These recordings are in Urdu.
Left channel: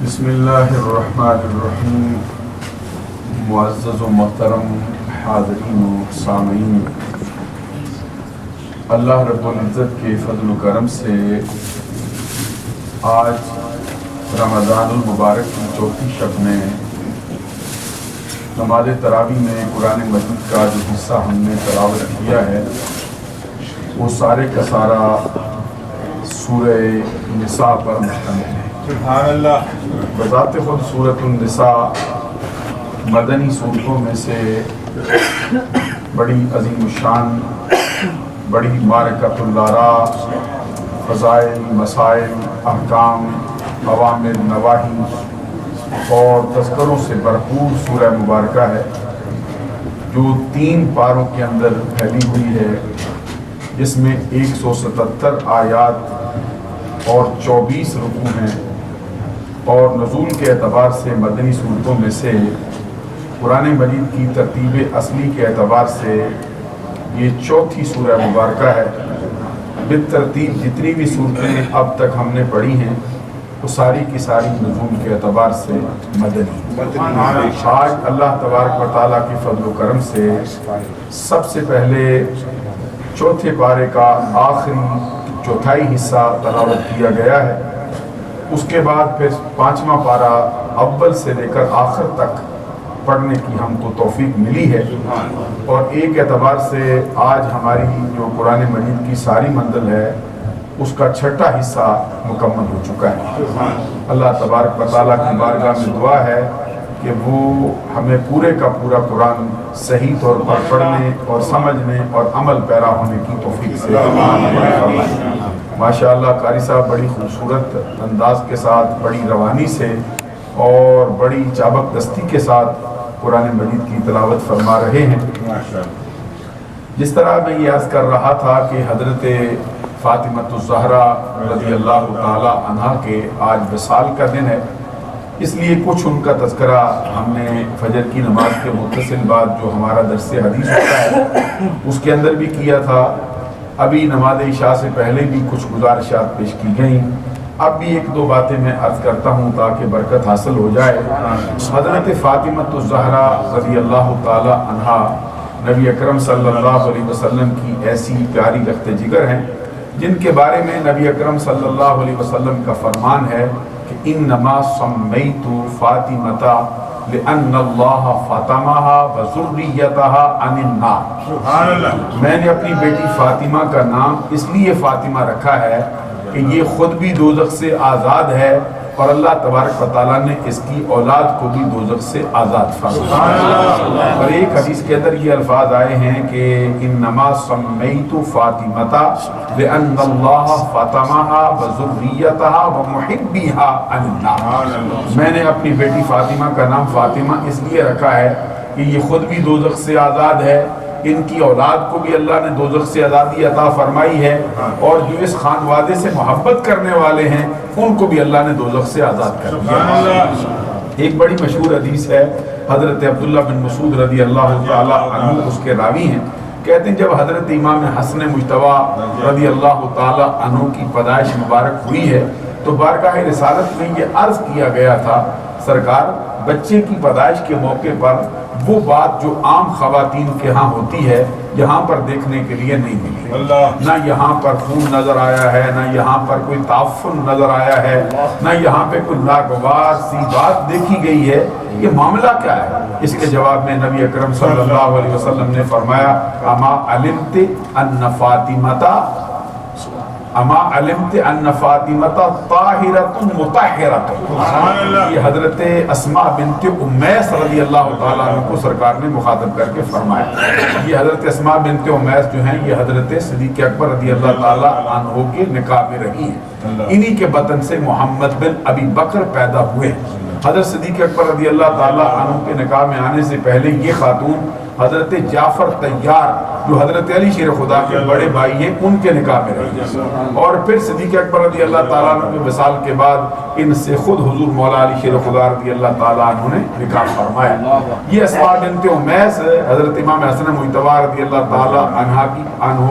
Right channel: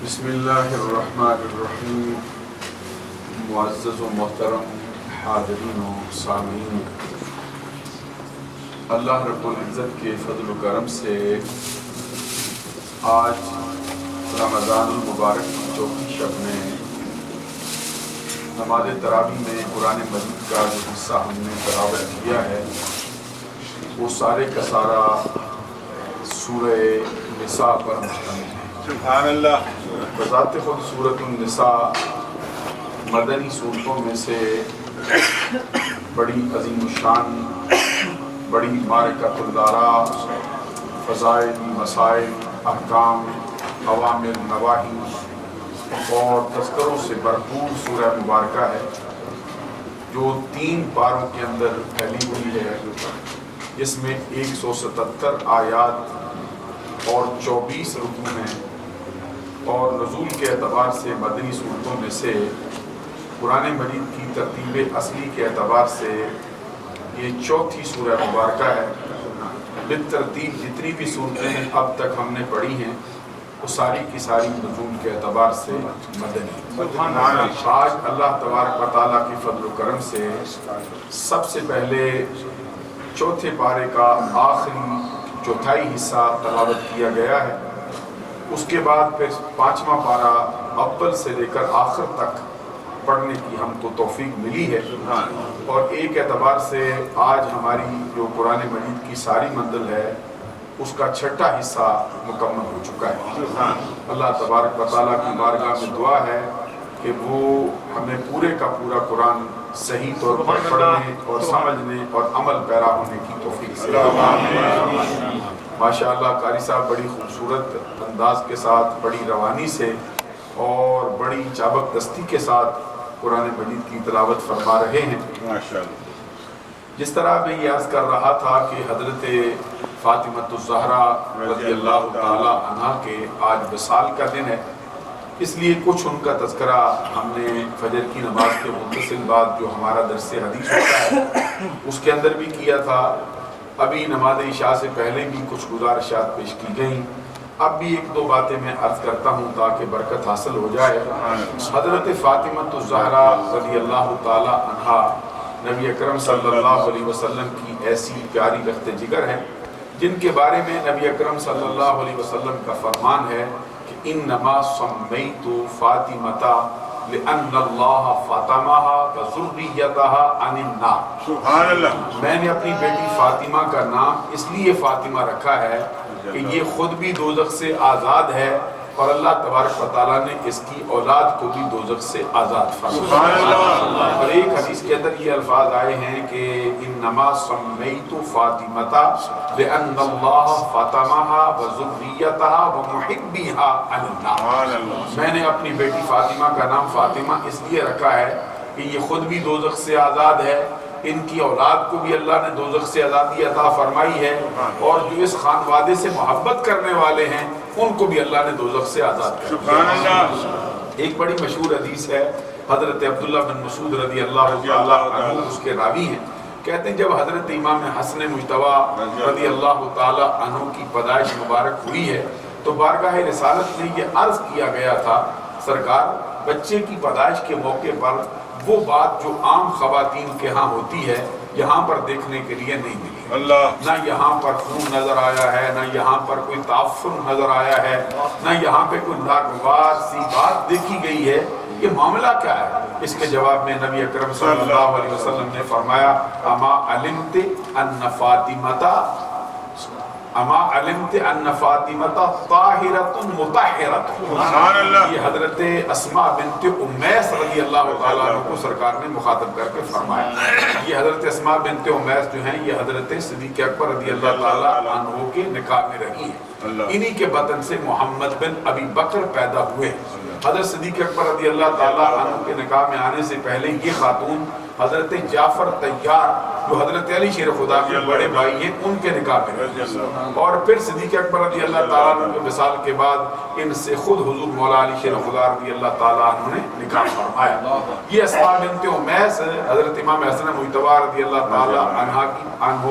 بسم اللہ الرحمن الرحیم۔ معزز و محترم حاضرین و سامعین، اللہ رب العزت کے فضل و کرم سے آج رمضان المبارک کی چوتھی شب میں نماز تراویح میں قرآن مجید کا جو حصہ ہم نے تلاوت کیا ہے وہ سارے کا سارا سورہ نساء پر مشتمل ہے۔ سبحان اللہ۔ بذات خود سورۃ النساء مدنی صورتوں میں سے بڑی عظیم الشان، بڑی معرکۃ الآراء، فضائل، مسائل، احکام، اوامر، نواہی اور تذکروں سے بھرپور سورہ مبارکہ ہے جو 3 پاروں کے اندر پھیلی ہوئی ہے، جس میں 177 آیات اور 24 رکوع ہیں، اور نزول کے اعتبار سے مدنی صورتوں میں سے قرآن مجید کی ترتیب اصلی کے اعتبار سے یہ چوتھی سورہ مبارکہ ہے۔ بالترتیب جتنی بھی صورتیں اب تک ہم نے پڑھی ہیں وہ ساری کی ساری نزول کے اعتبار سے مدنی۔ آج اللہ تبارک و تعالیٰ کے فضل و کرم سے سب سے پہلے چوتھے پارے کا آخری چوتھائی حصہ تلاوت کیا گیا ہے، اس کے بعد پھر 5واں پارہ اول سے لے کر آخر تک پڑھنے کی ہم کو توفیق ملی ہے، اور ایک اعتبار سے آج ہماری جو قرآن مجید کی ساری منزل ہے اس کا چھٹا حصہ مکمل ہو چکا ہے۔ اللہ تبارک و تعالیٰ کی بارگاہ میں دعا ہے کہ وہ ہمیں پورے کا پورا قرآن صحیح طور پر پڑھنے اور سمجھنے اور عمل پیرا ہونے کی توفیق سے فرمائے۔ ماشاءاللہ قاری صاحب بڑی خوبصورت انداز کے ساتھ، بڑی روانی سے اور بڑی چابک دستی کے ساتھ قرآن مجید کی تلاوت فرما رہے ہیں۔ جس طرح میں یہ عرض کر رہا تھا کہ حضرت فاطمۃ الزہرا رضی اللہ تعالی عنہا کے آج وصال کا دن ہے، اس لیے کچھ ان کا تذکرہ ہم نے فجر کی نماز کے متصل بعد جو ہمارا درس حدیث ہوتا ہے اس کے اندر بھی کیا تھا۔ ابھی نماز عشاء سے پہلے بھی کچھ گزارشات پیش کی گئیں، اب بھی 1-2 باتیں میں عرض کرتا ہوں تاکہ برکت حاصل ہو جائے۔ حضرت فاطمۃ الزہرا رضی اللہ تعالی عنہا نبی اکرم صلی اللہ علیہ وسلم کی ایسی پیاری رخت جگر ہیں جن کے بارے میں نبی اکرم صلی اللہ علیہ وسلم کا فرمان ہے کہ انما سمیت فاطمۃ لأن اللہ فاطمہا وذریتہا عن النار۔ سبحان اللہ۔ میں نے اپنی بیٹی فاطمہ کا نام اس لیے فاطمہ رکھا ہے کہ یہ خود بھی دوزخ سے آزاد ہے اور اللہ تبارک و تعالیٰ نے اس کی اولاد کو بھی دوزخ سے آزاد فرمایا۔ اور ایک حدیث کے اندر یہ الفاظ آئے ہیں کہ انما سمیت فاطمۃ لأن اللہ فاطمہا وذریتہا ومحبیہا عن النار۔ میں نے اپنی بیٹی فاطمہ کا نام فاطمہ اس لیے رکھا ہے کہ یہ خود بھی دوزخ سے آزاد ہے، ان کی اولاد کو بھی اللہ نے دوزخ سے آزادی عطا فرمائی ہے، اور جو اس خانوادے سے محبت کرنے والے ہیں ان کو بھی اللہ نے دوزخ سے آزاد کر دیا۔ ایک بڑی مشہور حدیث ہے، حضرت عبداللہ بن مسعود رضی اللہ تعالی عنہ اس کے راوی ہیں، کہتے ہیں جب حضرت امام حسن مجتبی رضی اللہ تعالی عنہ کی پیدائش مبارک ہوئی ہے تو بارگاہ رسالت میں یہ عرض کیا گیا تھا، سرکار بچے کی پیدائش کے موقع پر وہ بات جو عام خواتین کے ہاں ہوتی ہے یہاں پر دیکھنے کے لیے نہیں ملی، نہ یہاں پر خون نظر آیا ہے، نہ یہاں پر کوئی تعفن نظر آیا ہے، نہ یہاں پہ کوئی ناگوار سی بات دیکھی گئی ہے، یہ معاملہ کیا ہے؟ اس کے جواب میں نبی اکرم صلی اللہ علیہ وسلم نے فرمایا اما علمت ان فاطمۃ طاہرۃ مطہرۃ۔ یہ حضرت اسماء بنت امیس رضی اللہ تعالیٰ عنہ کو سرکار نے مخاطب کر کے فرمایا۔ یہ حضرت اسماء بنت امیس جو ہیں یہ حضرت صدیق اکبر رضی اللہ تعالیٰ عنہ کے نکاح میں رہی ہیں، انہی کے بطن سے محمد بن ابی بکر پیدا ہوئے۔ حضرت صدیق اکبر رضی اللہ تعالیٰ عنہ کے نکاح میں آنے سے پہلے یہ خاتون حضرت جعفر طیار جو حضرت علی شیر خدا کے بڑے بھائی ہیں ان کے نکاح میں رہی، اور پھر صدیق اکبر رضی اللہ تعالیٰ عنہ کے وصال کے بعد ان سے خود حضور مولا علی شیر خدا رضی اللہ تعالیٰ عنہ نے نکاح فرمایا۔ یہ اسماء بنت امیس حضرت امام حسن مجتبی رضی اللہ تعالیٰ عنہ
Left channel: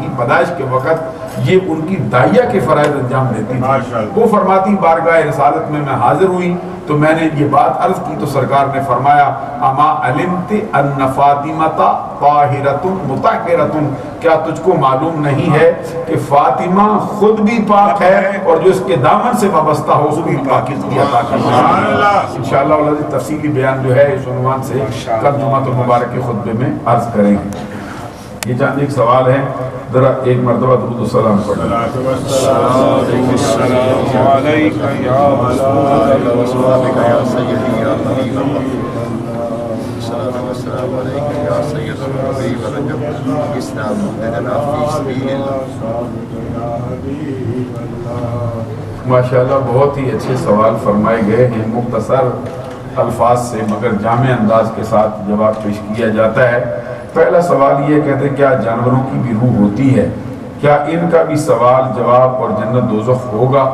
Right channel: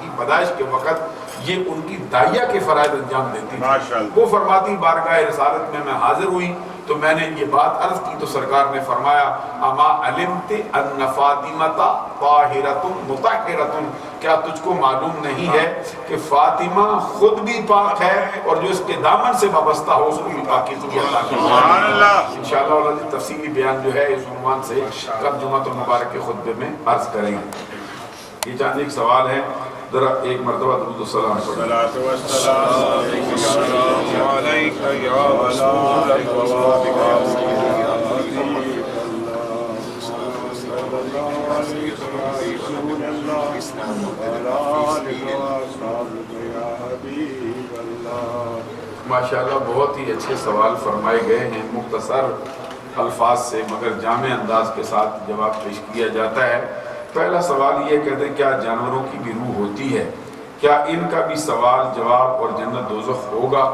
کی پیدائش کے وقت یہ ان کی داعیہ کے فرائض انجام دیتی تھی۔ وہ فرماتی بارگاہ رسالت میں حاضر ہوئی تو میں نے یہ بات عرض کی تو سرکار نے فرمایا اما علمت ان فاطمۃ طاہرۃ مطہرۃ، کیا تجھ کو معلوم نہیں ہے کہ فاطمہ خود بھی پاک ہے اور جو اس کے دامن سے وابستہ ہو اس کو بھی پاکیزگی عطا کرتا ہے۔ انشاءاللہ اللہ تفصیلی بیان جو ہے اس عنوان سے کل جمعہ المبارک کے خطبے میں عرض کریں گے۔ یہ چاند ایک سوال ہے، ذرا ایک مرتبہ درود السلام پڑھیں۔ ماشاءاللہ بہت ہی اچھے سوال فرمائے گئے ہیں، مختصر الفاظ سے مگر جامع انداز کے ساتھ جواب پیش کیا جاتا ہے۔ پہلا سوال یہ کہتے ہیں کیا جانوروں کی بھی روح ہوتی ہے، کیا ان کا بھی سوال جواب اور جنت دوزخ ہوگا؟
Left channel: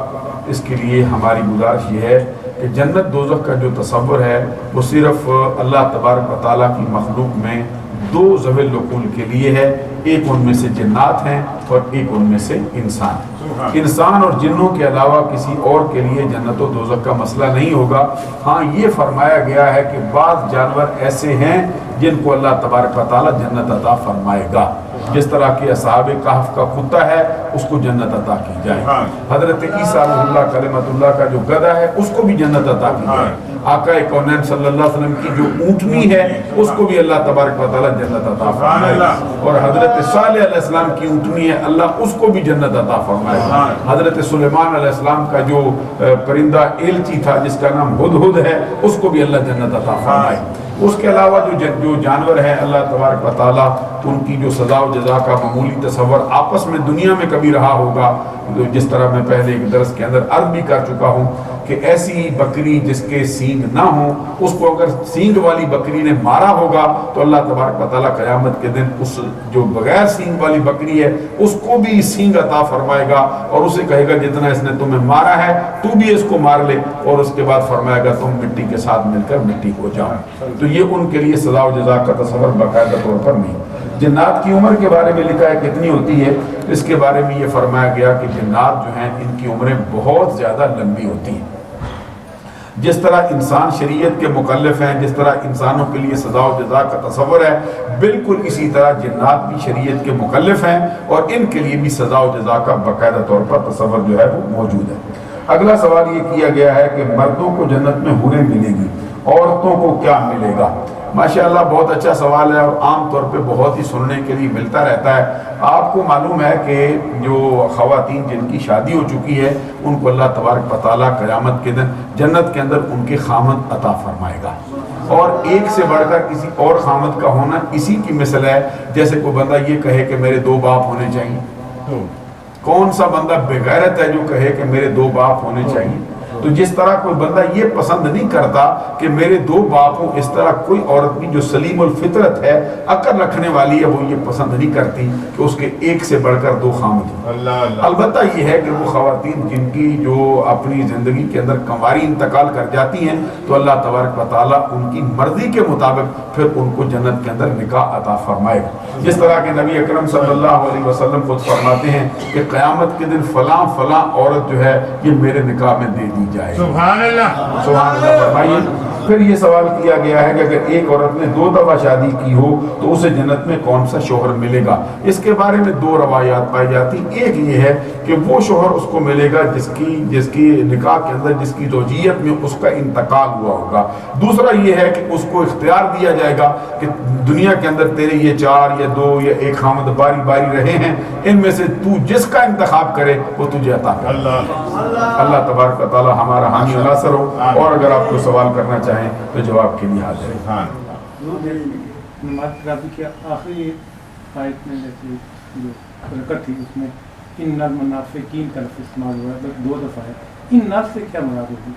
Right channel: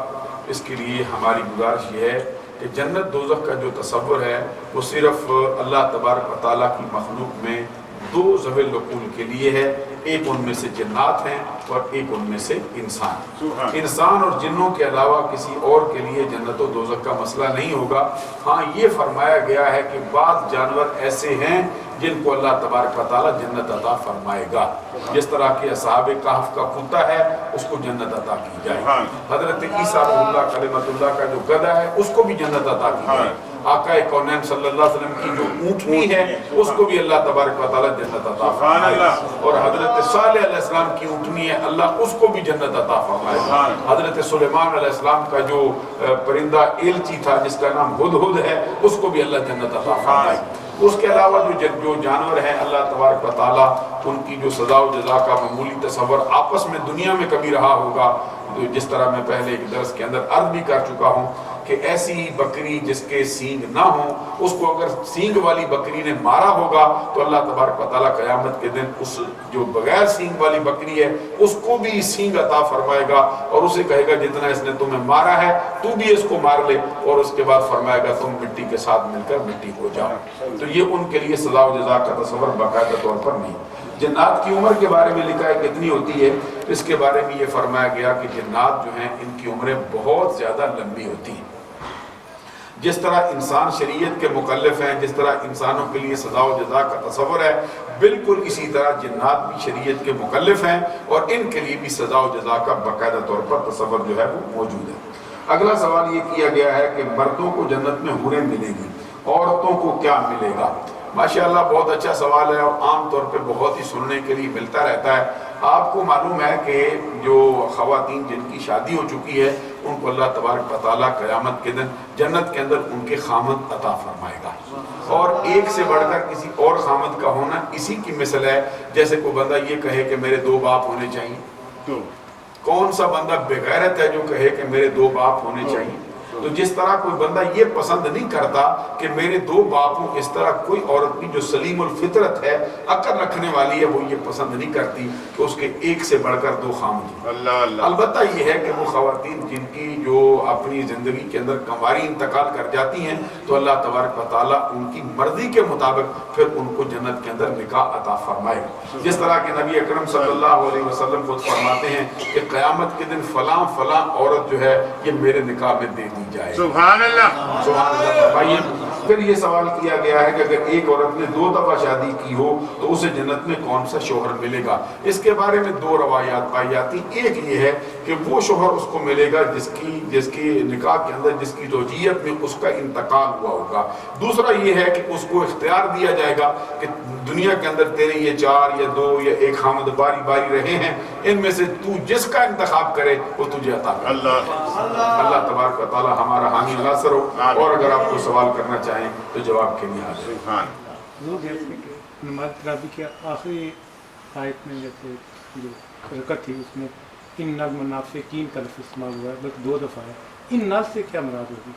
اس کے لیے ہماری گزارش یہ ہے کہ جنت دوزخ کا جو تصور ہے وہ صرف اللہ تبارک و تعالیٰ کی مخلوق میں دو ذوی العقول کے لیے ہے، ایک ان میں سے جنات ہیں اور ایک ان میں سے انسان۔ انسان اور جنوں کے علاوہ کسی اور کے لیے جنت و دوزخ کا مسئلہ نہیں ہوگا۔ ہاں یہ فرمایا گیا ہے کہ بعض جانور ایسے ہیں جن کو اللہ تبارک و تعالیٰ جنت عطا فرمائے گا، جس طرح کہ اصحاب کہف کا کتا ہے اس کو جنت عطا کی جائے، حضرت عیسیٰ روح اللہ کلمۃ اللہ کا جو گدھا ہے اس کو بھی جنت عطا کی جائے، آقا کونین صلی اللہ علیہ وسلم کی جو اونٹنی ہے اس کو بھی اللہ تبارک و تعالیٰ جنت عطا فرمائے، اور حضرت صالح علیہ السلام کی اونٹنی ہے اللہ اس کو بھی جنت عطا فرمائے، حضرت سلیمان علیہ السلام کا جو پرندہ ایلچی تھا جس کا نام ہدہد ہے اس کو بھی اللہ جنت عطا فرمائے۔ اس کے علاوہ جو جانور ہیں اللہ تبارک و تعالیٰ ان کی جو سزا و جزا کا معمولی تصور آپس میں دنیا میں کبھی رہا ہوگا، جس طرح میں پہلے ایک درس کے اندر عرض بھی کر چکا ہوں کہ ایسی بکری جس کے سینگ نہ ہوں اس کو اگر سینگ والی بکری نے مارا ہوگا تو اللہ تبارک و تعالیٰ قیامت کے دن اس جو بغیر سینگ والی بکری ہے اس کو بھی سینگ عطا فرمائے گا اور اسے کہے گا جتنا اس نے تمہیں مارا ہے تو بھی اس کو مار لے، اور اس کے بعد فرمائے گا تم مٹی کے ساتھ مل کر مٹی ہو جاؤ۔ تو یہ ان کے لیے سزا و جزا کا تصور باقاعدہ طور پر نہیں۔ جنات کی عمر کے بارے میں لکھا ہے کتنی ہوتی ہے، اس کے بارے میں یہ فرمایا گیا کہ جنات جو ہیں ان کی عمریں بہت زیادہ لمبی ہوتی ہیں۔ جس طرح انسان شریعت کے مکلف ہیں، جس طرح انسانوں کے لیے سزا و جزا کا تصور ہے، بالکل اسی طرح جنات بھی شریعت کے مکلف ہیں اور ان کے لیے بھی سزا و جزا کا باقاعدہ طور پر تصور جو ہے وہ موجود ہے۔ اگلا سوال یہ کیا گیا ہے کہ مردوں کو جنت میں حوریں ملے گی، عورتوں کو کیا ملے گا؟ ماشاءاللہ بہت اچھا سوال ہے اور عام طور پہ بہت ہی سننے کے لیے ملتا رہتا ہے۔ آپ کو معلوم ہے کہ جو خواتین جن کی شادی ہو چکی ہے ان کو اللہ تبارک و تعالیٰ قیامت کے دن جنت کے اندر ان کے خامد عطا فرمائے گا، اور ایک سے بڑھ کر کسی اور خامد کا ہونا اسی کی مثل ہے جیسے کوئی بندہ یہ کہے کہ میرے دو باپ ہونے چاہیے۔ کون سا بندہ بغیرت ہے جو کہے کہ میرے دو باپ ہونے چاہیے؟ تو جس طرح کوئی بندہ یہ پسند نہیں کرتا کہ میرے دو باپ ہوں، اس طرح کوئی عورت بھی جو سلیم الفطرت ہے، عقل رکھنے والی ہے، وہ یہ پسند نہیں کرتی کہ اس کے ایک سے بڑھ کر دو خامد ہوں۔ البتہ یہ ہے کہ وہ خواتین جن کی جو اپنی زندگی کے اندر کنواری انتقال کر جاتی ہیں تو اللہ تبارک و تعالیٰ ان کی مرضی کے مطابق پھر ان کو جنت کے اندر نکاح عطا فرمائے گا، جس طرح کہ نبی اکرم صلی اللہ علیہ وسلم خود فرماتے ہیں کہ قیامت کے دن فلاں فلاں عورت جو ہے یہ میرے نکاح میں دے دی جائے۔ سبحان اللہ، سبحان اللہ فرمائیے۔ پھر یہ سوال کیا گیا ہے کہ اگر ایک عورت نے 2 دفعہ شادی کی ہو تو اسے جنت میں کون سا شوہر ملے گا؟ اس کے بارے میں 2 روایات پائی جاتی، ایک یہ ہے کہ وہ شوہر اس کو ملے گا جس کی نکاح کے اندر جس کی زوجیت میں اس کا انتقال ہوا ہوگا، دوسرا یہ ہے کہ اس کو اختیار دیا جائے گا کہ دنیا کے اندر تیرے یہ 4 یا 2 یا 1 خامد باری باری رہے ہیں، ان میں سے تو جس کا انتخاب کرے وہ تجھے عطا کرے۔ اللہ تبارک و تعالی ہمارا حامی و ناصر ہو، اور اگر آپ کو سوال کرنا چاہیں تو جواب کے لیے حاضر ہیں۔ نماز تراویح کی آخری آیت میں جیسے جو رکعت تھی اس میں ان منافقین کا لفظ استعمال ہوا ہے، بس 2 دفعہ ہے، ان ناس سے کیا مراد ہوگی؟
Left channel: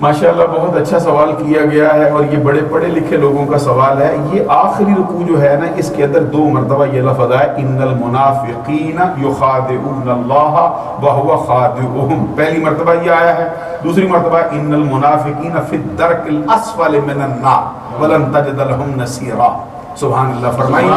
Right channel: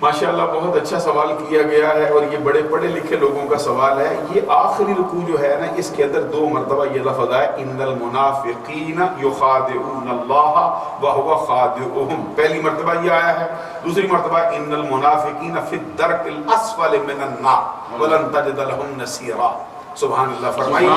ماشاءاللہ بہت اچھا سوال کیا گیا ہے اور یہ بڑے پڑھے لکھے لوگوں کا سوال ہے۔ یہ آخری رکوع جو ہے نا اس کے اندر 2 مرتبہ یہ لفظ آیا ان المنافقین یخادعون اللہ وہو خادعهم، پہلی مرتبہ یہ آیا ہے، دوسری مرتبہ ان المنافقین فی الدرک الاسفل من النار ولن تجد لهم نصیرا۔ سبحان اللہ فرمائیے۔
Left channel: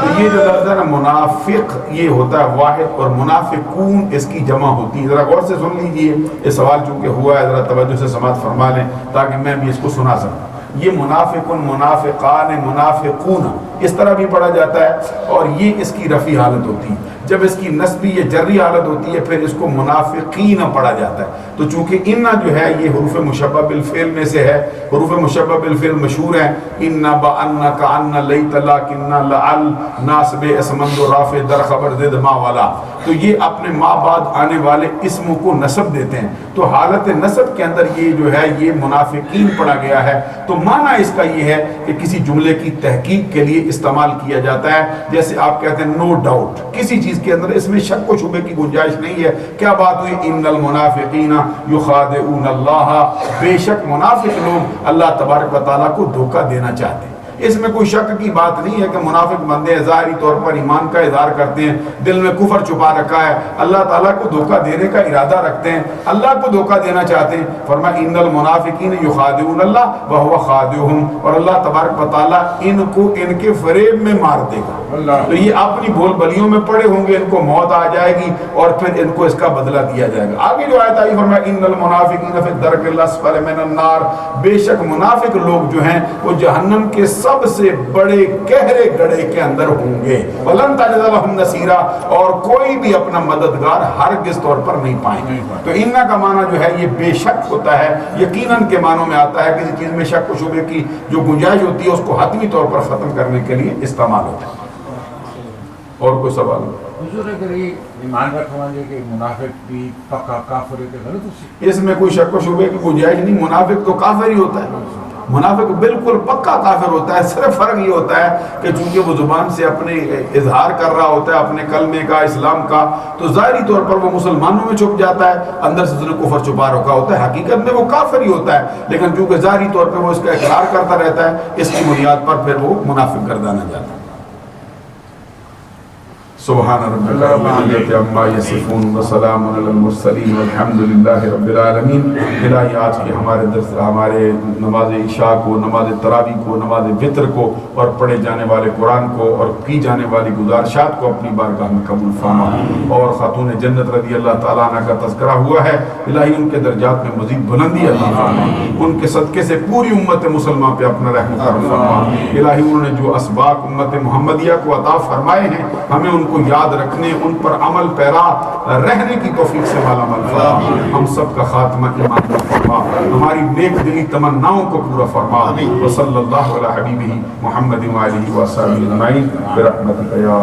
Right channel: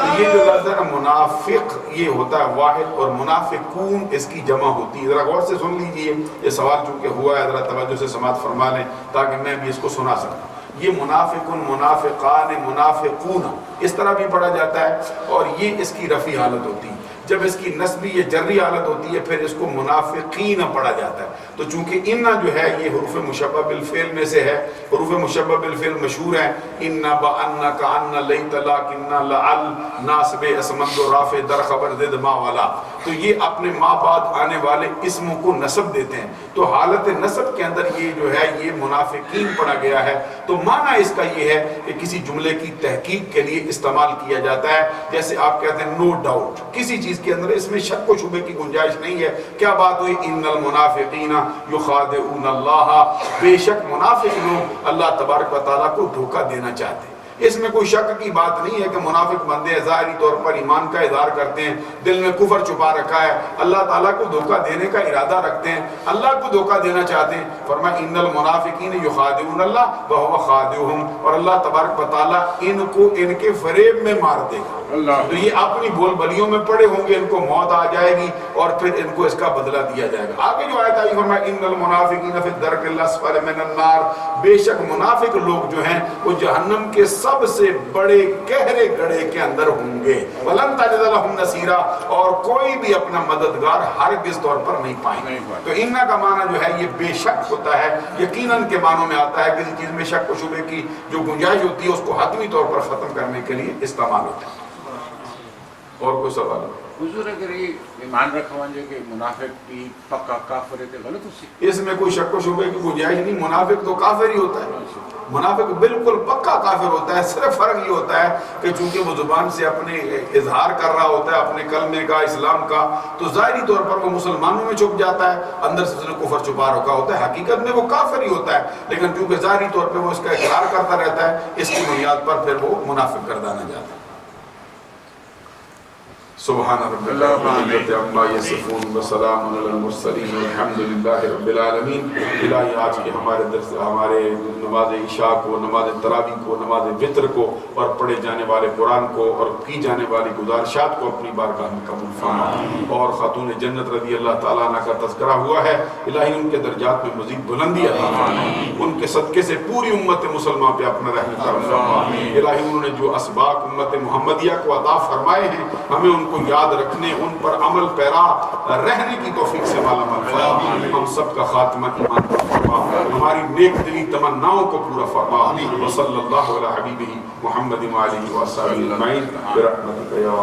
تو یہ جو لفظ ہے نا منافق، یہ ہوتا ہے واحد، اور منافقون اس کی جمع ہوتی ہے۔ ذرا غور سے سن لیجئے، یہ سوال چونکہ ہوا ہے، ذرا توجہ سے سماعت فرما لیں تاکہ میں بھی اس کو سنا سکوں۔ یہ منافقن، منافقان، منافقون اس طرح بھی پڑھا جاتا ہے، اور یہ اس کی رفعی حالت ہوتی ہے۔ جب اس کی نسبی یا جری حالت ہوتی ہے پھر اس کو منافقین پڑھا جاتا ہے۔ تو چونکہ ان جو ہے یہ حروف مشبہ بالفعل میں سے ہے، حروف مشبہ بالفعل مشہور ہیں، ان بان کان لیت لکن لعل ناصب اسمند رافع در خبر زد ما والا، تو یہ اپنے ما بعد آنے والے اسموں کو نسب دیتے ہیں۔ تو حالت نسب کے اندر یہ جو ہے یہ منافقین پڑھا گیا ہے۔ تو معنی اس کا یہ ہے کہ کسی جملے کی تحقیق کے لیے استعمال کیا جاتا ہے، جیسے آپ کہتے ہیں نو ڈاؤٹ، کسی چیز کے اندر اس میں شک و شبے کی گنجائش نہیں ہے۔ کیا بات ہوئی؟ ان المنافقین یخادعون اللہ، بے شک منافق لوگ اللہ تبارک و تعالیٰ کو دھوکہ دینا چاہتے ہیں۔ اس میں کوئی شک کی بات نہیں ہے کہ منافق بندے ظاہری طور پر ایمان کا اظہار کرتے ہیں، دل میں کفر چھپا رکھا ہے، اللہ تعالیٰ کو دھوکہ دینے کا ارادہ رکھتے ہیں، اللہ کو دھوکہ دینا چاہتے ہیں۔ فرمایا ان المنافقین یخادعون اللہ وہو خادعهم، اور اللہ تبارک و تعالیٰ ان کو ان کے فریب میں مار دے گا۔ تو یہ اپنی بول بلیوں میں پڑے ہوں گے، ان کو موت آ جائے گی اور پھر ان کو اس کا بدلہ دیا جائے گا۔ آگے جو آیت آئی فرمایا ان المنافقین فی الدرک الاسفل من النار، بے شک منافق لوگ جو ہیں وہ جہنم کے سب سے بڑے گہرے گڑھے کے اندر ہوں گے، ولن تجد لهم نصیرا، اور کوئی بھی اپنا مددگار ہرگز طور پر نہیں پائیں گے۔ تو ان کا معنی جو ہے یہ بے شک ہوتا ہے، یقیناً کے معنوں میں آتا ہے، کسی چیز میں شک و شبے کی جو گنجائش ہوتی ہے اس کو حتمی طور پر ختم کرنے کے لیے استعمال ہوتا ہے۔ اور کوئی سوال؟ حضور اگر یہ ایمان رکھوا جو کہ منافق بھی پکا کافر ہے تو غلط اسی اس میں کوئی شک و شبے کی گنجائش نہیں، منافق تو کافر ہی ہوتا ہے، منافق بالکل پکا کافر ہوتا ہے۔ صرف فرق یہ ہوتا ہے کہ چونکہ وہ زبان سے اپنے اظہار کر رہا ہوتا ہے اپنے کلمے کا، اسلام کا، تو ظاہری طور پر وہ مسلمانوں میں چھپ جاتا ہے، اندر سے کفر چھپا رکھا ہوتا ہے، حقیقت میں وہ کافر ہی ہوتا ہے، لیکن چونکہ ظاہری طور پر وہ اس کا اقرار کرتا رہتا ہے، اس کی بنیاد پر پھر وہ منافق گردانا جاتا ہے۔ سبحان ربک رب العزت عما یصفون وسلام علی المرسلین والحمد للہ رب العالمین۔ الہی آج کے ہمارے درس، ہمارے نماز عشاء کو، نماز تراویح کو، نماز وتر کو، اور پڑھے جانے والے قرآن کو اور کی جانے والی گزارشات کو اپنی بارگاہ میں قبول فرما، اور خاتون جنت رضی اللہ تعالیٰ عنہ کا تذکرہ ہوا ہے، الہی ان کے درجات میں مزید بلندی عطا فرما، ان کے صدقے سے پوری امت مسلمہ پہ اپنا رحم کرم فرما۔ الہی انہوں نے جو اسباق امت محمدیہ کو عطا فرمائے ہیں ہمیں ان کو یاد رکھنے، ان پر عمل پیرا رہنے کی توفیق سے مالا مال فرما۔ ہم سب کا خاتمہ ایمان پر فرما، ہماری نیک دلی تمناؤں کو پورا فرما۔ وصلی اللہ علی حبیبہ محمد وآلہ وصحبہ اجمعین برحمتک یا